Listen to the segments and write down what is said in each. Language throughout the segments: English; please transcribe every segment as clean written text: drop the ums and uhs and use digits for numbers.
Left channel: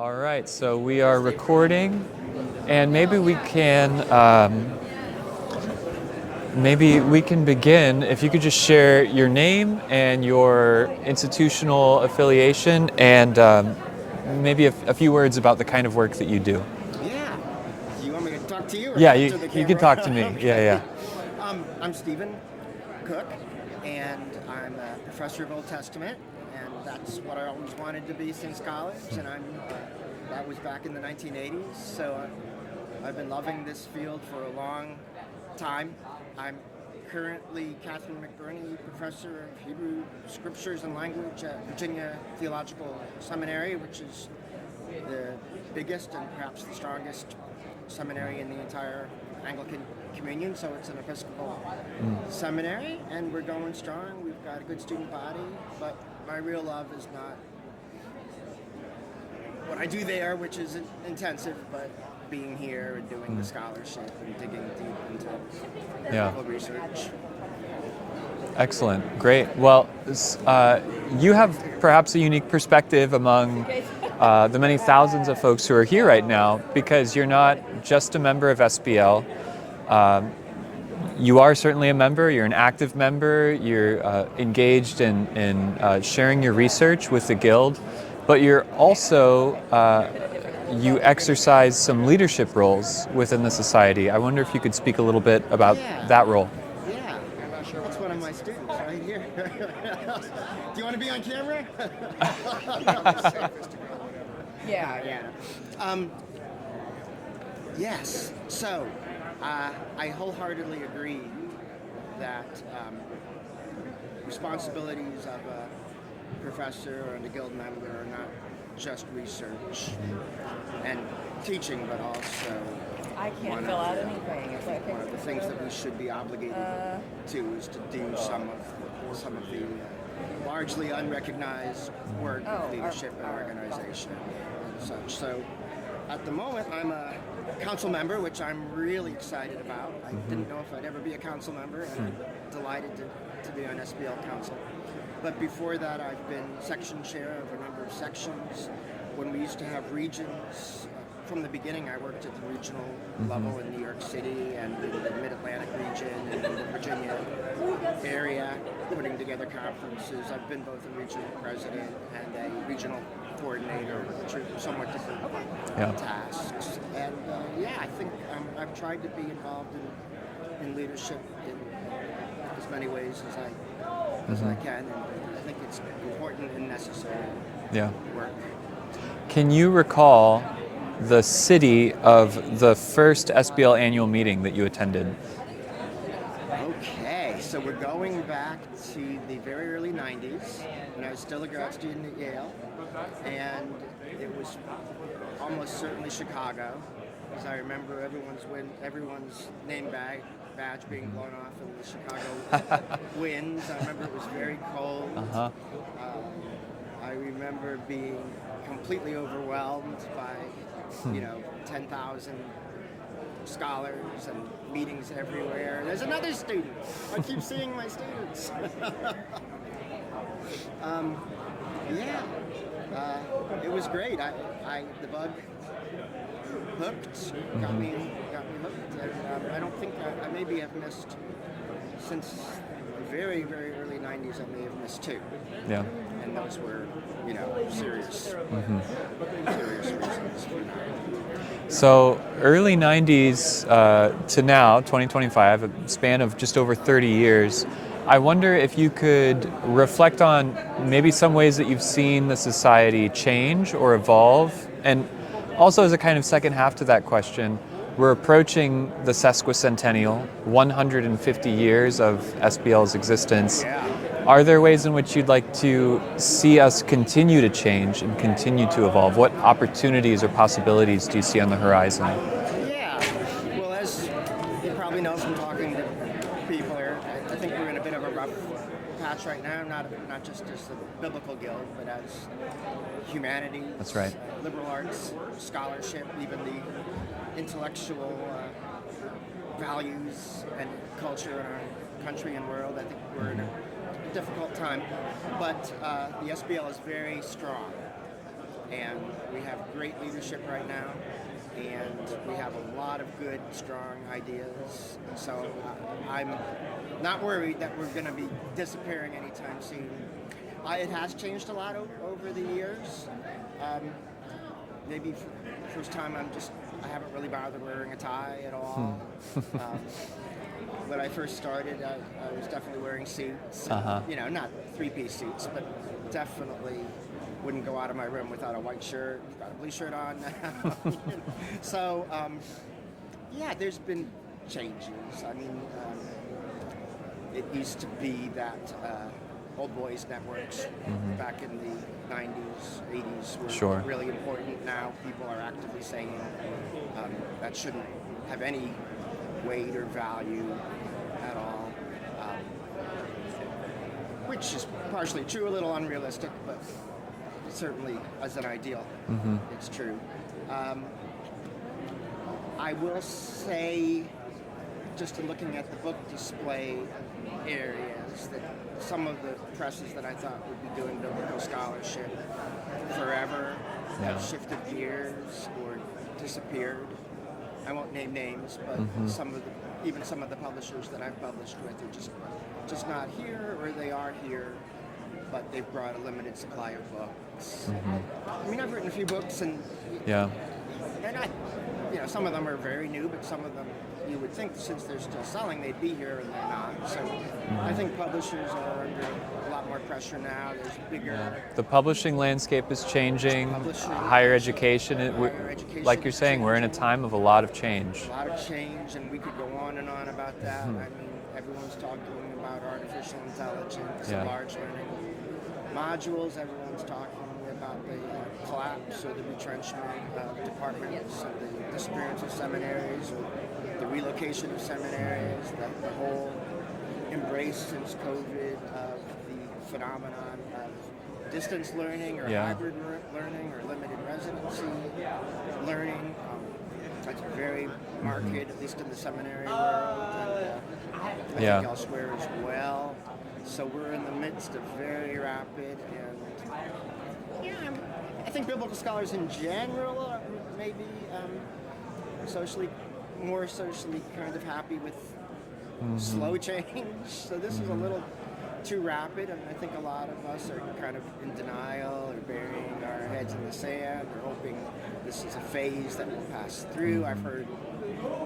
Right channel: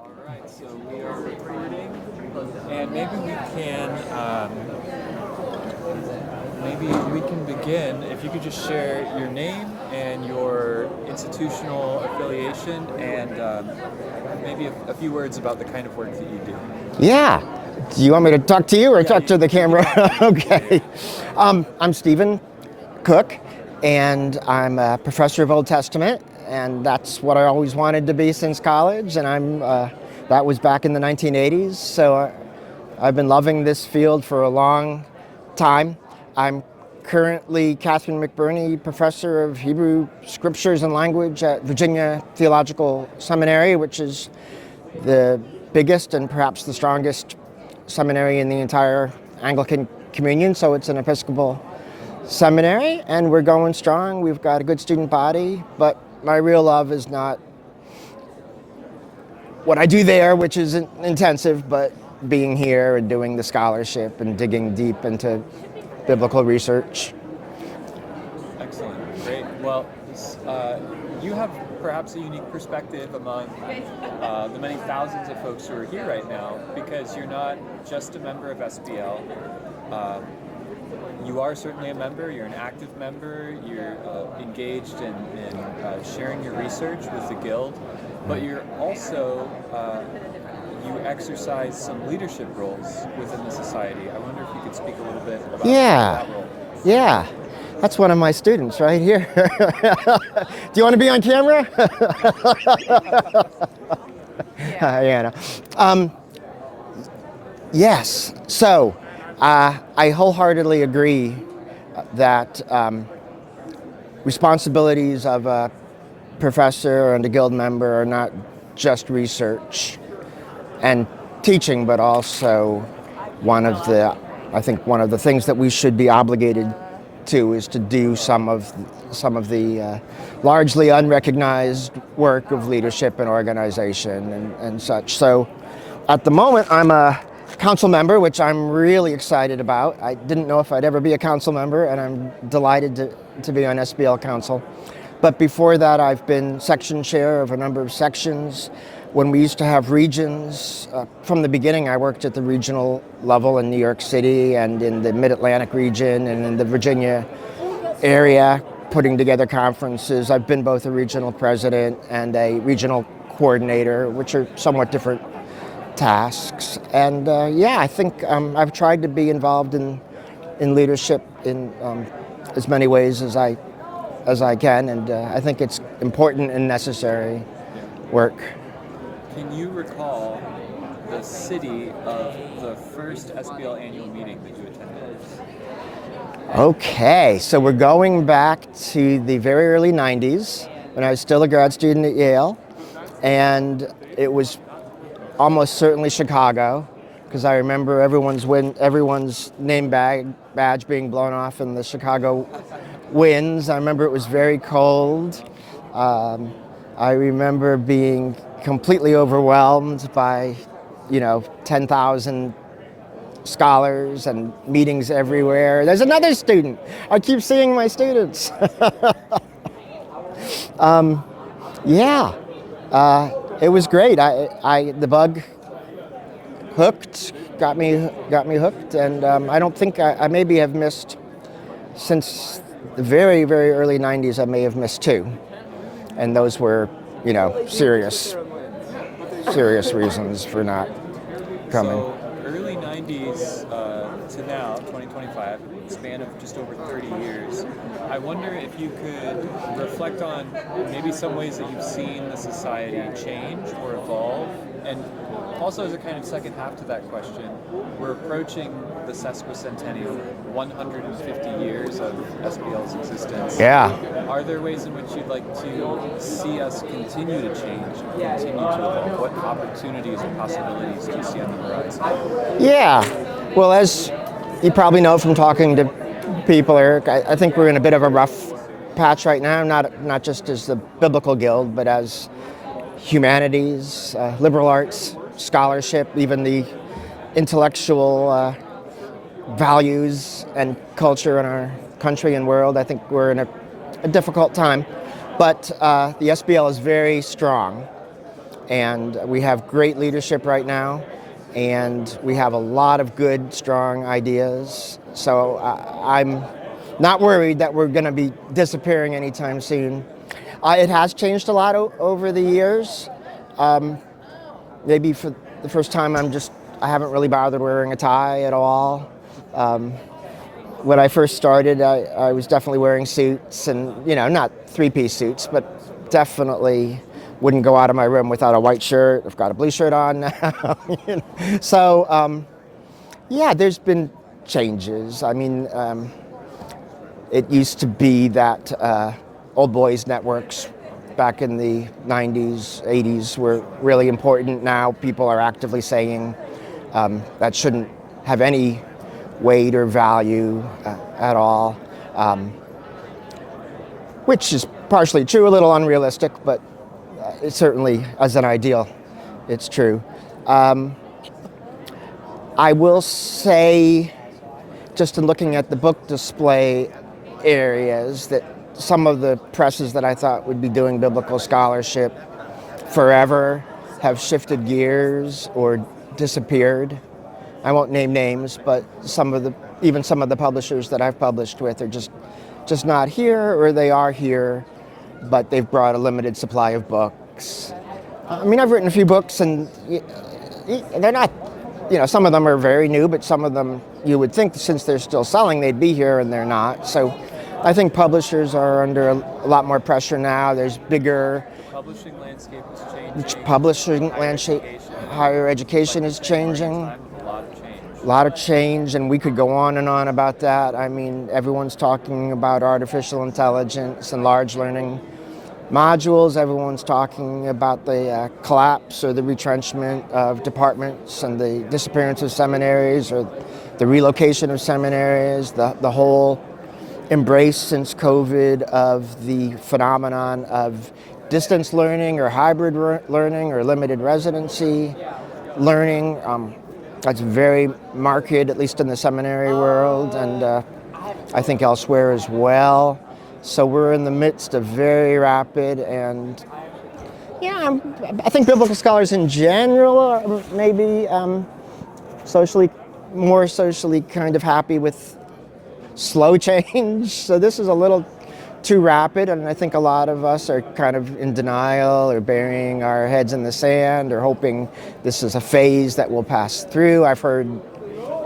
All right, so we are recording, and maybe we can begin. If you could just share your name and your institutional affiliation, and maybe a few words about the kind of work that you do. Yeah. Do you want me to talk to you or Yeah, talk to the camera? You can talk to me. Okay. Yeah. I'm Stephen Cook, and I'm a professor of Old Testament, and that's what I always wanted to be since college, and that was back in the 1980s, so I've been loving this field for a long time. I'm currently Catherine McBurney Professor of Hebrew Scriptures and Language at Virginia Theological Seminary, which is the biggest and perhaps the strongest seminary in the entire Anglican Communion, so it's an Episcopal seminary, and we're going strong. We've got a good student body, but my real love is not what I do there, which is intensive, but being here and doing the scholarship and digging deep into biblical research. Excellent, great. Well, you have perhaps a unique perspective among the many thousands of folks who are here right now, because you're not just a member of SBL. You are certainly a member, you're an active member, you're engaged in sharing your research with the Guild, but you're also, you exercise some leadership roles within the society. I wonder if you could speak a little bit about that role. Yeah, that's one of my students right here. Do you want to be on camera? Yes, so I wholeheartedly agree that responsibilities of a professor and a Guild member are not just research and teaching, but also one of the things that we should be obligated to is to do some of the largely unrecognized work of leadership and organization and such. So at the moment I'm a council member, which I'm really excited about. I didn't know if I'd ever be a council member, and I'm delighted to be on SBL Council. But before that, I've been section chair of a number of sections. When we used to have regions, from the beginning I worked at the regional level in New York City and in the Mid-Atlantic region and in the Virginia area, putting together conferences. I've been both a regional president and a regional coordinator, which are somewhat different tasks. And I think I've tried to be involved in leadership in as many ways as I can, and I think it's important and necessary work. Can you recall the city of the first SBL annual meeting that you attended? Okay, so we're going back to the very early 90s when I was still a grad student at Yale, and it was almost certainly Chicago, because I remember everyone's name badge being blown off in the Chicago winds. I remember it was very cold. I remember being completely overwhelmed by, 10,000 scholars and meetings everywhere. There's another student. I keep seeing my students. It was great. The bug got me hooked, and I don't think I maybe have missed since the very, very early 90s. I may have missed two, and those were, serious reasons for not coming. So early 90s to now, 2025, a span of just over 30 years. I wonder if you could reflect on maybe some ways that you've seen the society change or evolve. And also, as a kind of second half to that question, we're approaching the sesquicentennial, 150 years of SBL's existence. Yeah. Are there ways in which you'd like to see us continue to change and continue to evolve? What opportunities or possibilities do you see on the horizon? Yeah. Well, as you probably know from talking to people, Eric, I think we're in a bit of a rough patch right now, not just as the Biblical Guild, but as humanities, liberal arts, scholarship, even the intellectual values and culture in our country and world. I think we're in a difficult time, but the SBL is very strong, and we have great leadership right now, and we have a lot of good, strong ideas. So I'm not worried that we're going to be disappearing anytime soon. It has changed a lot over the years. Maybe for the first time, I haven't really bothered wearing a tie at all. When I first started, I was definitely wearing suits, and not three-piece suits, but definitely wouldn't go out of my room without a white shirt. I've got a blue shirt on now. So, there's been changes. I mean, it used to be that old boys networks back in the 90s, 80s were really important. Now people are actively saying that shouldn't have any weight or value at all, which is partially true, a little unrealistic, but it's certainly, as an ideal, it's true. I will say, just in looking at the book display areas, that some of the presses that I thought would be doing biblical scholarship forever have shifted gears or disappeared. I won't name names, but even some of the publishers that I've published with are just not here, or they are here, but they've brought a limited supply of books. I mean, I've written a few books, and they're not, some of them are very new, but some of them you would think since they're still selling, they'd be here, and they're not. So I think publishers are under a lot more pressure now. There's bigger... The publishing landscape is changing. Higher education is changing. We're in a time of a lot of change. A lot of change, and we could go on and on about that. I mean, everyone's talking about artificial intelligence and large learning modules. Everyone's talking about the collapse or the retrenchment of departments and the disappearance of seminaries or the relocation of seminaries, the whole embrace since COVID of the phenomenon of distance learning or hybrid learning or limited residency learning. That's very marked, at least in the seminary world, and I think elsewhere as well. So we're in the midst of very rapid and, I think biblical scholars in general are maybe more socially kind of happy with slow change. So this is a little too rapid, and I think a lot of us are kind of in denial or burying our heads in the sand or hoping this is a phase that will pass through. I've heard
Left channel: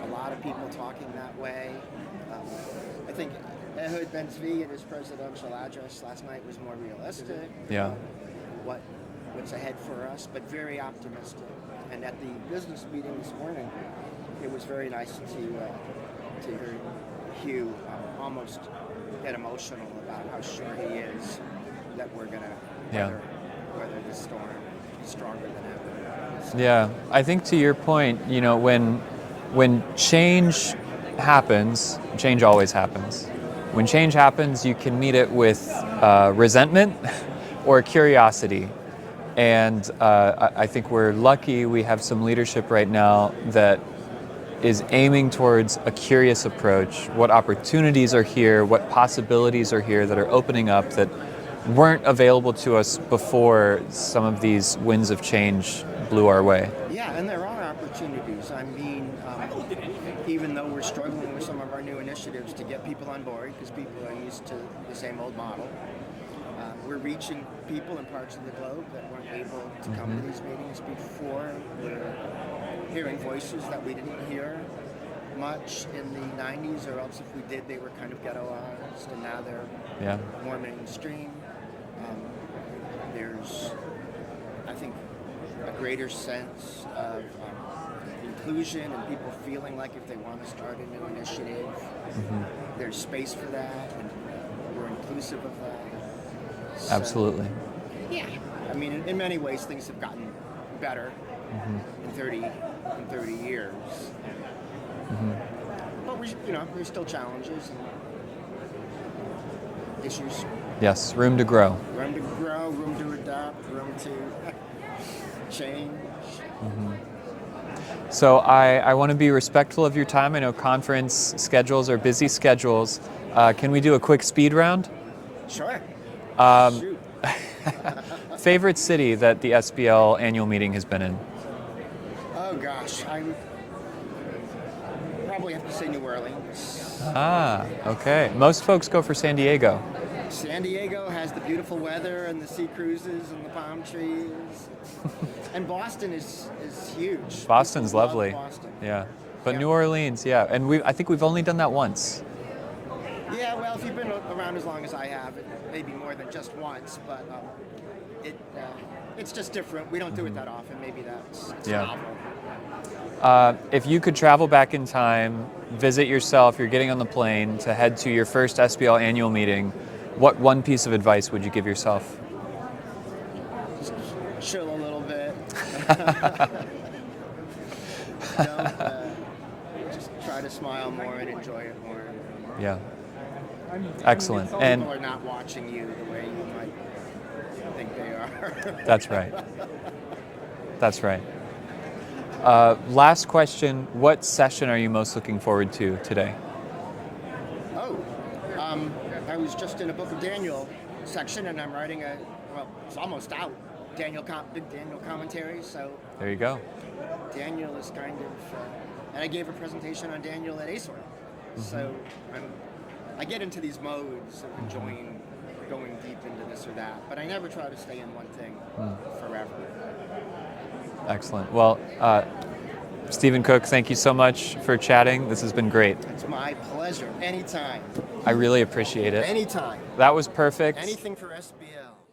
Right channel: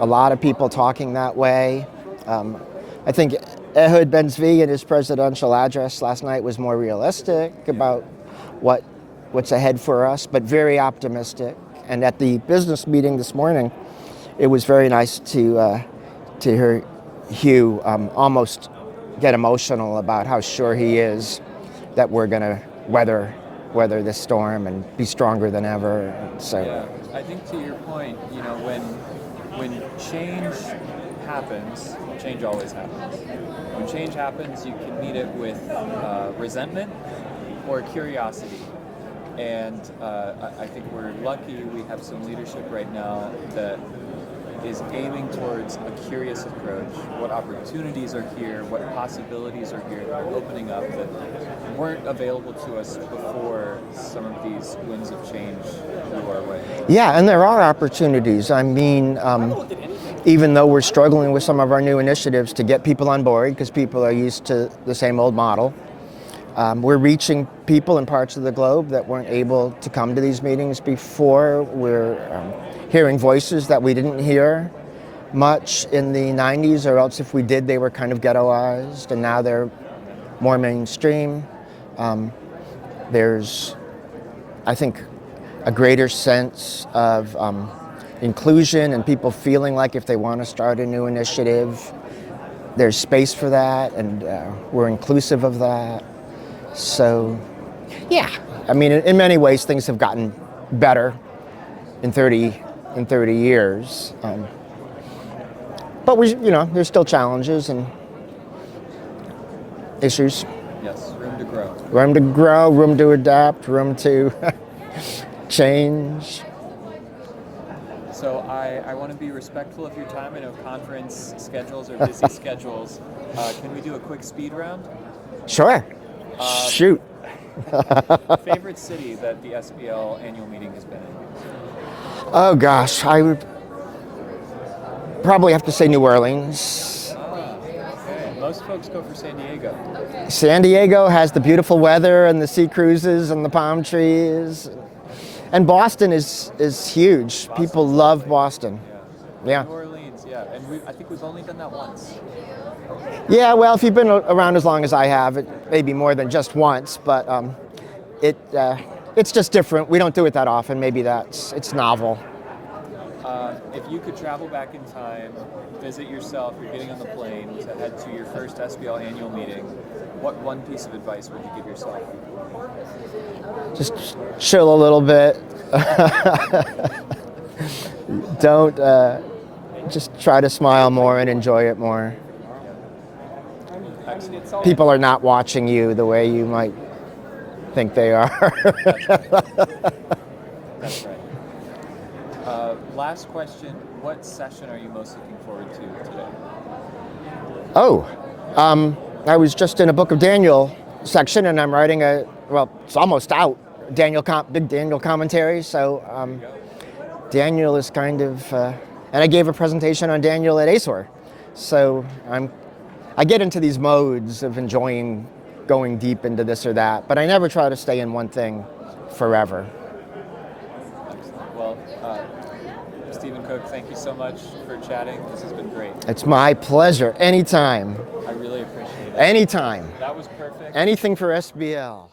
a lot of people talking that way. I think Ehud Ben-Zvi in his presidential address last night was more realistic about what's ahead for us, but very optimistic. And at the business meeting this morning, it was very nice to hear Hugh almost get emotional about how sure he is that we're going to weather this storm and be stronger than ever. So. Yeah, I think to your point, when change happens, change always happens. When change happens, you can meet it with resentment or curiosity. And I think we're lucky we have some leadership right now that is aiming towards a curious approach. What opportunities are here, what possibilities are here that are opening up that weren't available to us before some of these winds of change blew our way. Yeah, and there are opportunities. I mean, even though we're struggling with some of our new initiatives to get people on board because people are used to the same old model, we're reaching people in parts of the globe that weren't able to come to these meetings before. We're hearing voices that we didn't hear much in the 90s, or else if we did, they were kind of ghettoized, and now they're more mainstream. There's, I think, a greater sense of inclusion and people feeling like if they want to start a new initiative, there's space for that, and we're inclusive of that. So, absolutely. Yeah, I mean, in many ways, things have gotten better in 30 years. But there's still challenges and issues. Yes, room to grow. Room to grow, room to adapt, room to change. So I want to be respectful of your time. I know conference schedules are busy schedules. Can we do a quick speed round? Sure. Shoot. Favorite city that the SBL annual meeting has been in? Oh gosh, I would probably have to say New Orleans. Ah, okay. Most folks go for San Diego. San Diego has the beautiful weather and the sea cruises and the palm trees. And Boston is huge. Boston's People love lovely. Boston. Yeah. But Yeah. New Orleans, yeah. And I think we've only done that once. Yeah, well, if you've been around as long as I have, it may be more than just once, but it's just different. We don't do it that often. Maybe it's Yeah. novel. If you could travel back in time, visit yourself, you're getting on the plane to head to your first SBL annual meeting, what one piece of advice would you give yourself? Just chill a little bit. Don't just try to smile more and enjoy it more. Yeah. Excellent. And People are not watching you the way you might think they are. that's right. That's right. Last question, what session are you most looking forward to today? Oh, I was just in a Book of Daniel section, and I'm writing it's almost out, big Daniel commentary. So There you go. Daniel is kind of, and I gave a presentation on Daniel at ASOR. So I get into these modes of enjoying going deep into this or that, but I never try to stay in one thing forever. Excellent. Well, Stephen Cook, thank you so much for chatting. This has been great. It's my pleasure. Anytime. I really appreciate it. Anytime. That was perfect. Anything for SBL.